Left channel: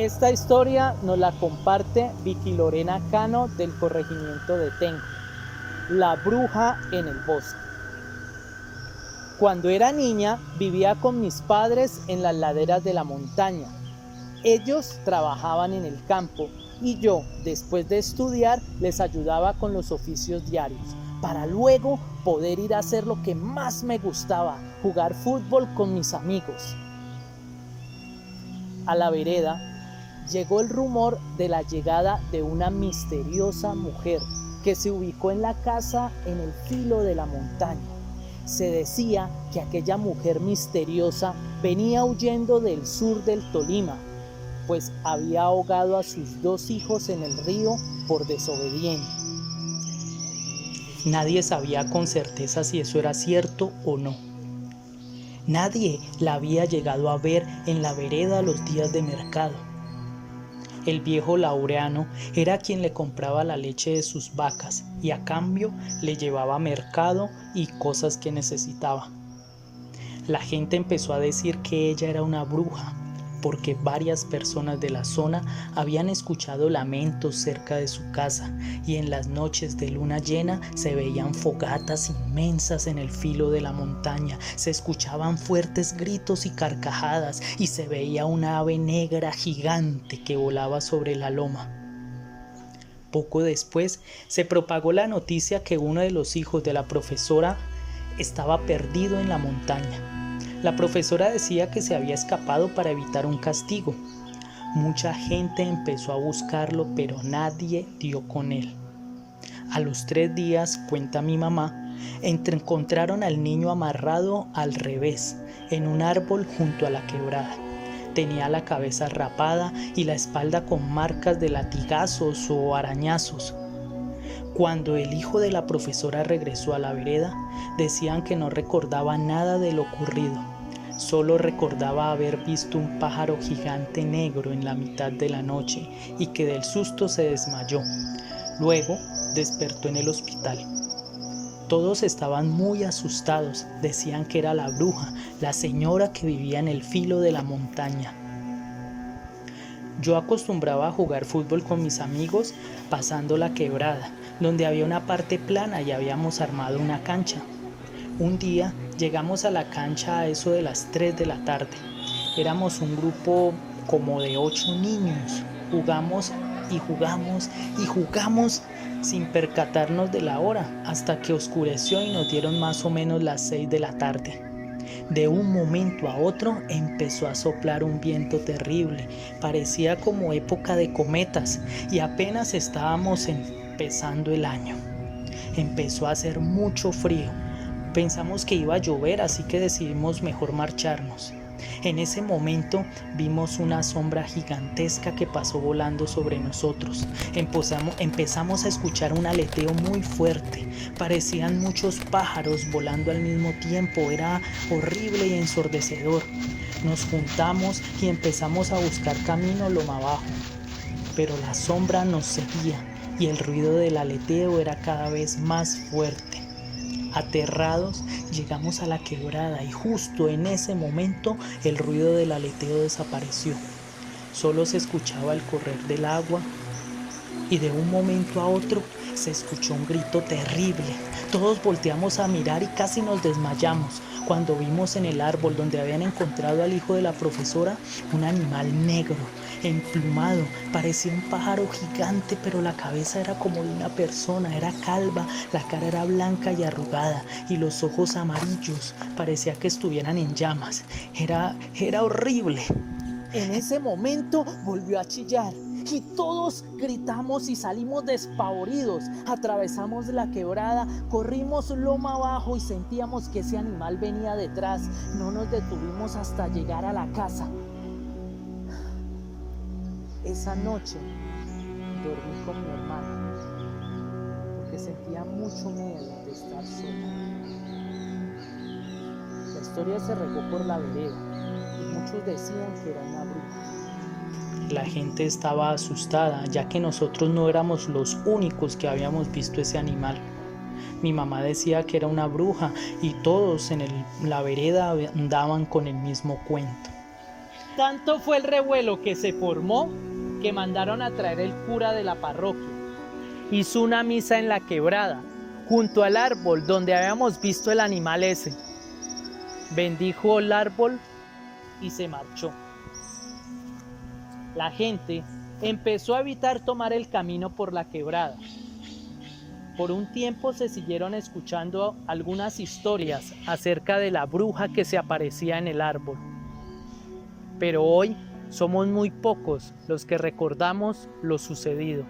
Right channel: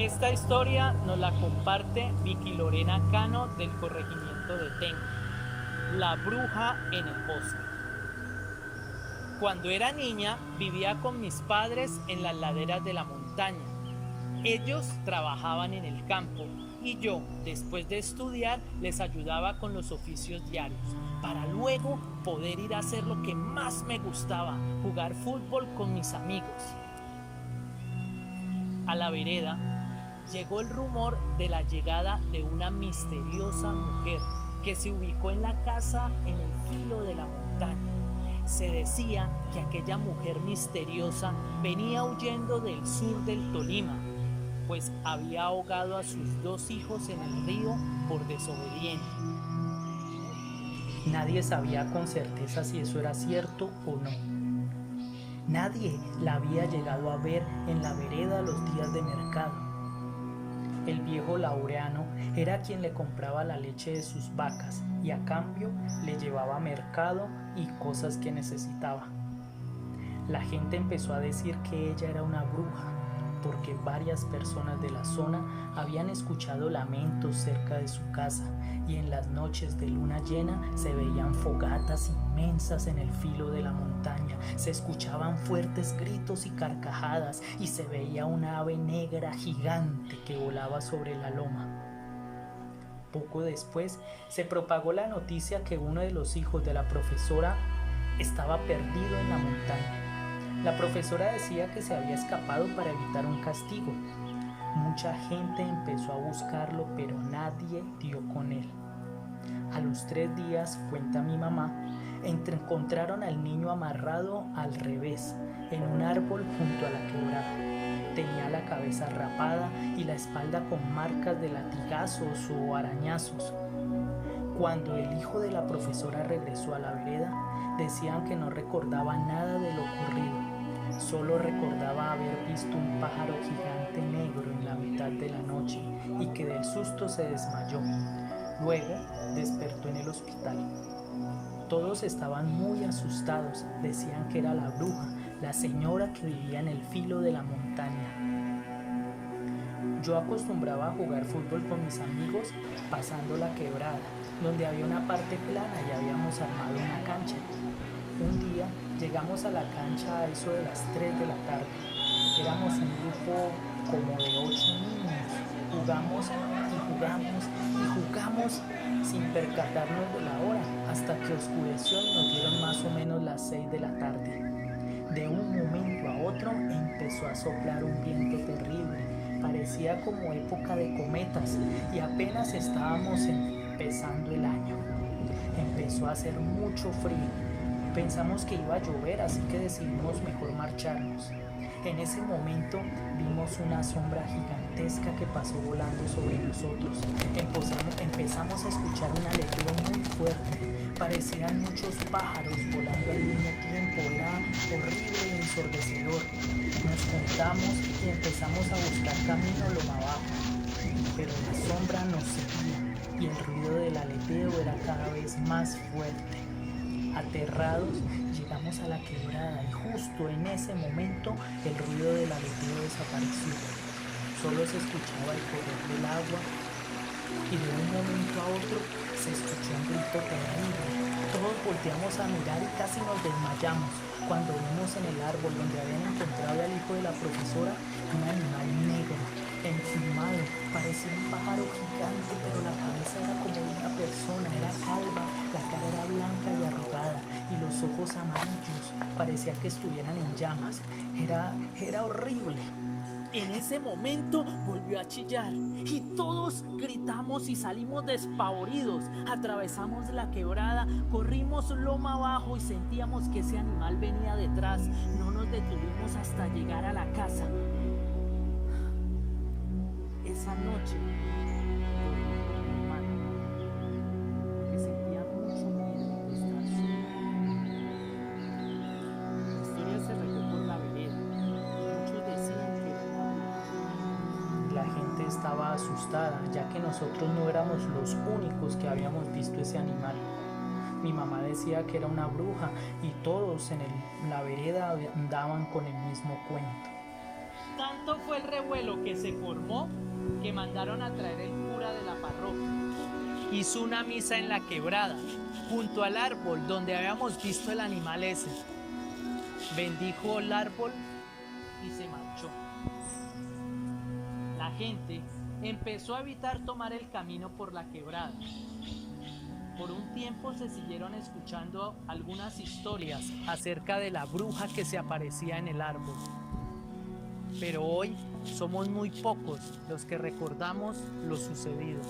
Esta historia nos la comparte Vicky Lorena Cano del corregimiento de Tenjo, La bruja en el bosque. Cuando era niña vivía con mis padres en las laderas de la montaña. Ellos trabajaban en el campo y yo, después de estudiar, les ayudaba con los oficios diarios, para luego poder ir a hacer lo que más me gustaba, jugar fútbol con mis amigos. A la vereda llegó el rumor de la llegada de una misteriosa mujer que se ubicó en la casa en el filo de la montaña. Se decía que aquella mujer misteriosa venía huyendo del sur del Tolima, pues había ahogado a sus 2 hijos en el río por desobediente. Nadie sabía con certeza si eso era cierto o no. Nadie la había llegado a ver en la vereda los días de mercado. El viejo Laureano era quien le compraba la leche de sus vacas y a cambio le llevaba mercado y cosas que necesitaba. La gente empezó a decir que ella era una bruja, porque varias personas de la zona habían escuchado lamentos cerca de su casa y en las noches de luna llena se veían fogatas inmensas en el filo de la montaña, se escuchaban fuertes gritos y carcajadas y se veía una ave negra gigante que volaba sobre la loma. Poco después se propagó la noticia que uno de los hijos de la profesora estaba perdido en la montaña. La profesora decía que se había escapado para evitar un castigo. Mucha gente empezó a buscarlo, pero nadie dio con él. A los 3 días, cuenta mi mamá, encontraron al niño amarrado al revés, en un árbol junto a la quebrada. Tenía la cabeza rapada y la espalda con marcas de latigazos o arañazos. Cuando el hijo de la profesora regresó a la vereda, decían que no recordaba nada de lo ocurrido. Solo recordaba haber visto un pájaro gigante negro en la mitad de la noche y que del susto se desmayó. Luego despertó en el hospital. Todos estaban muy asustados, decían que era la bruja, la señora que vivía en el filo de la montaña. Yo acostumbraba a jugar fútbol con mis amigos pasando la quebrada, donde había una parte plana y habíamos armado una cancha. Un día llegamos a la cancha a eso de las 3 de la tarde. Éramos un grupo como de 8 niños. Jugamos y jugamos y jugamos sin percatarnos de la hora, hasta que oscureció y nos dieron más o menos las 6 de la tarde. De un momento a otro empezó a soplar un viento terrible, parecía como época de cometas y apenas estábamos empezando el año. Empezó a hacer mucho frío. Pensamos que iba a llover, así que decidimos mejor marcharnos. En ese momento vimos una sombra gigantesca que pasó volando sobre nosotros. Empezamos a escuchar un aleteo muy fuerte. Parecían muchos pájaros volando al mismo tiempo. Era horrible y ensordecedor. Nos juntamos y empezamos a buscar camino loma abajo. Pero la sombra nos seguía y el ruido del aleteo era cada vez más fuerte. Aterrados, llegamos a la quebrada y justo en ese momento el ruido del aleteo desapareció. Solo se escuchaba el correr del agua y de un momento a otro se escuchó un grito terrible. Todos volteamos a mirar y casi nos desmayamos cuando vimos en el árbol donde habían encontrado al hijo de la profesora un animal negro, emplumado. Parecía un pájaro gigante, pero la cabeza era como de una persona, era calva, la cara era blanca y arrugada y los ojos amarillos, parecía que estuvieran en llamas. Era horrible. En ese momento volvió a chillar y todos gritamos y salimos despavoridos. Atravesamos la quebrada, corrimos loma abajo y sentíamos que ese animal venía detrás. No nos detuvimos hasta llegar a la casa. Esa noche dormí con mi hermano porque sentía mucho miedo de estar sola. La historia se regó por la vereda y muchos decían que era una bruja. La gente estaba asustada, ya que nosotros no éramos los únicos que habíamos visto ese animal. Mi mamá decía que era una bruja y todos en la vereda andaban con el mismo cuento. Tanto fue el revuelo que se formó que mandaron a traer el cura de la parroquia. Hizo una misa en la quebrada, junto al árbol donde habíamos visto el animal ese. Bendijo el árbol y se marchó. La gente empezó a evitar tomar el camino por la quebrada. Por un tiempo se siguieron escuchando algunas historias acerca de la bruja que se aparecía en el árbol. Pero hoy somos muy pocos los que recordamos lo sucedido.